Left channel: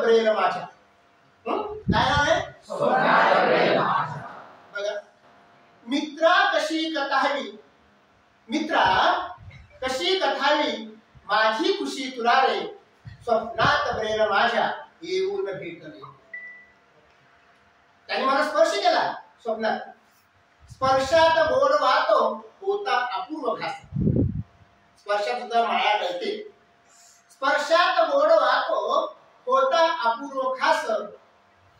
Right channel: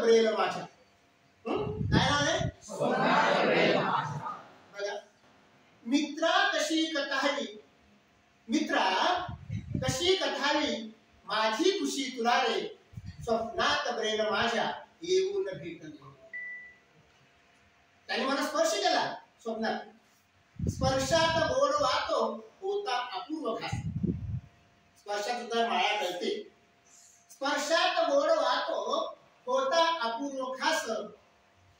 Braille माझ्या. काय नाव आहे? स्वप्नात ब्रेल माझ्या. बघा, मित्रा कशी कथावी, मित्रा कशी कथावी माझी खुशी तुला रे, स्वप्नात ब्रेल माझ्या येऊन भेटले. त्याने मला स्पर्श केला स्वप्नात. स्पर्शात गोड वातो होता अपूर्व खास. स्पर्शात सुद्धा माया कळते. स्पर्शात गोड वातो होता अपूर्व खास,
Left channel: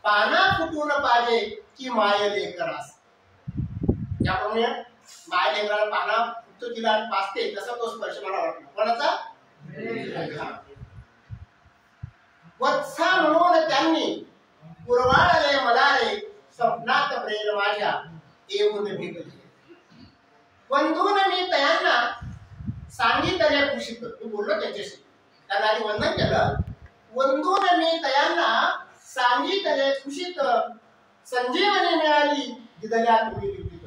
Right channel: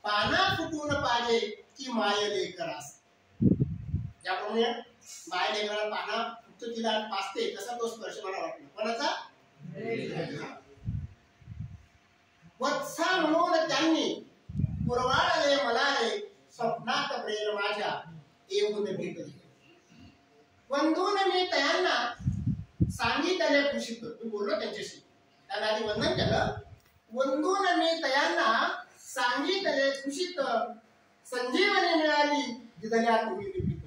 पाना फुटून पाजे की माय लेकरास. त्याप्रमाणे माय लेकराला पाना फुटतो तिला पाजते, तसा तो स्पर्श मला वाटला. कोणाचा? वत्सा म्हणून त्यांनी पुरवाळले मला रे, स्वप्नात प्रेम माझ्या येऊन भेटले. वंदून मी तयांना सांगितले खुशीत. तू बोललो त्यांच्याशी, त्यांना आधी वंदन केलं. वंदून मी तयांना सांगितले खुशीत, संजीवनी मिळाली दिदल्या तुम्ही लिपीत.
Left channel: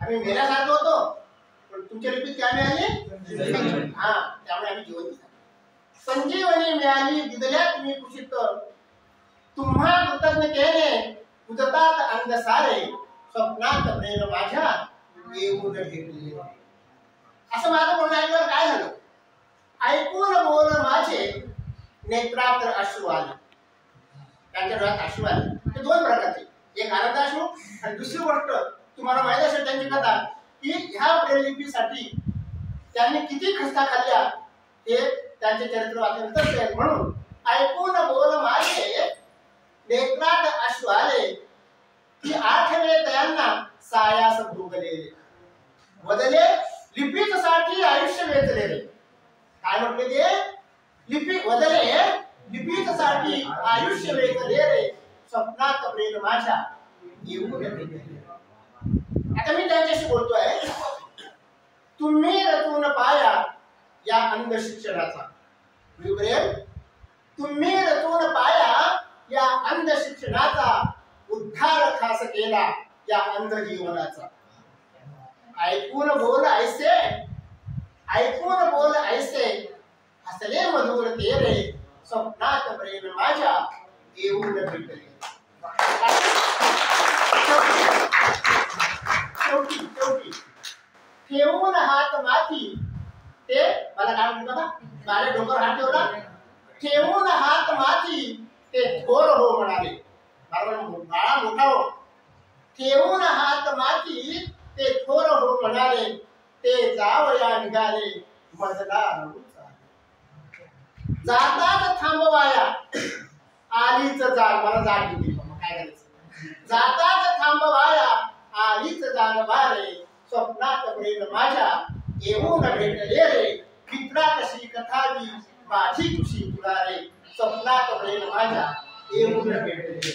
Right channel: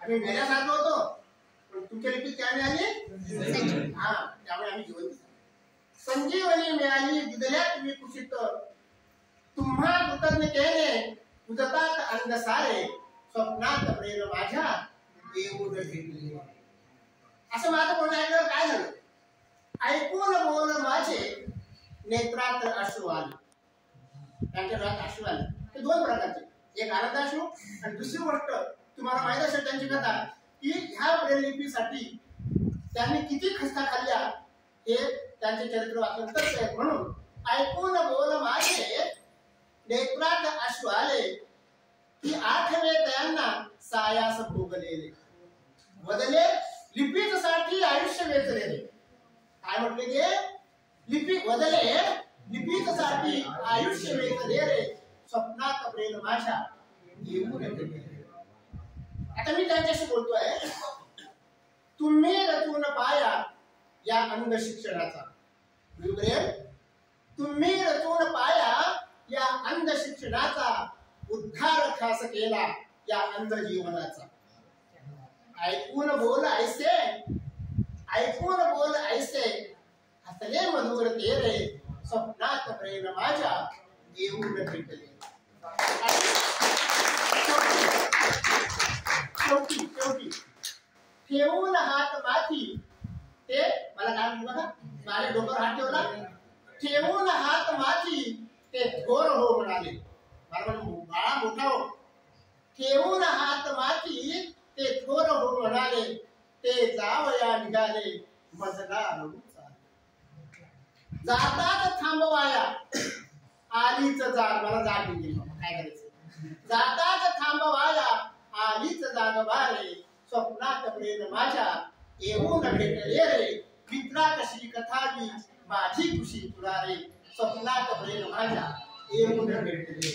आम्ही मेल्यासारखं होतो, पण तुमच्या लिपीत काय मिळाली? हा, त्यामुळे आम्ही जिवंत झालो. संजीवनी मिळाली दिदल्या तुम्ही खुशीत, तुम्हा कृतज्ञतेने उदतात अंग सारे, स्वप्नात प्रेम माझ्या येऊन भेटले. असं माझं म्हणणं ऐकल्यावर काय झालं? ऐकून बोल माझे नेत्रात अश्रू आले. त्यांच्या डोळ्यात अश्रू आले. ते दोन प्रकारचे, एक आनंदाश्रू आणि दुसरी गोष्ट तुम्हाला माहित असेल त्यांची कथा, की ह्या ब्रेललिपीसाठी त्यांनी किती खस्ता खाल्ल्या हे त्यांचे चरित्र वाचल्यानंतर कळेल. म्हणून ऐकून बोल माझे नेत्रात अश्रू आले, की आठवे तयांना सायास भोगलेले, बदले लिपीच साठी आयुष्य वेचलेले. काय म्हटले ते? लिपी बदले लिपीच साठी आयुष्य वेचलेले, स्वप्नात प्रेम माझ्या येऊन भेटले. आता मी त्यांच्याशी बोलतोय. तुम्ही रचून पाया या अंध शिक्षणाचा, तुम्ही रचून पाया या अंध शिक्षणाचा, उद्धार खास केला या अंध जीवनाचा. ऐकून बोल ऐसे, ऐकून बोल ऐसे, हसले मधुर तेरे, स्वप्नात प्रेम माझ्या येऊन भेटले. शेवटी ठेवून हात माथी, ते मला काय म्हणतो ना, माझ्या डोक्यावर हात ठेवला. ठेवून हात माथी ते थोर हो म्हणाले. बाळा मोठा हो. ठेवून हात माथी ते थोर हो म्हणाले, ते जावया निघाले मजला रडू चाले. जातात थांबवाया आलीच जाग. मला जाग येते, काय करायचं? जातात थांबवाया आलीच जाग वारे, स्वप्नात प्रेम माझ्या येऊन भेटले रे, मित्रा कशी कथावी माझी खुशी तुला रे, स्वप्नात प्रेम माझ्या येऊन भेटले.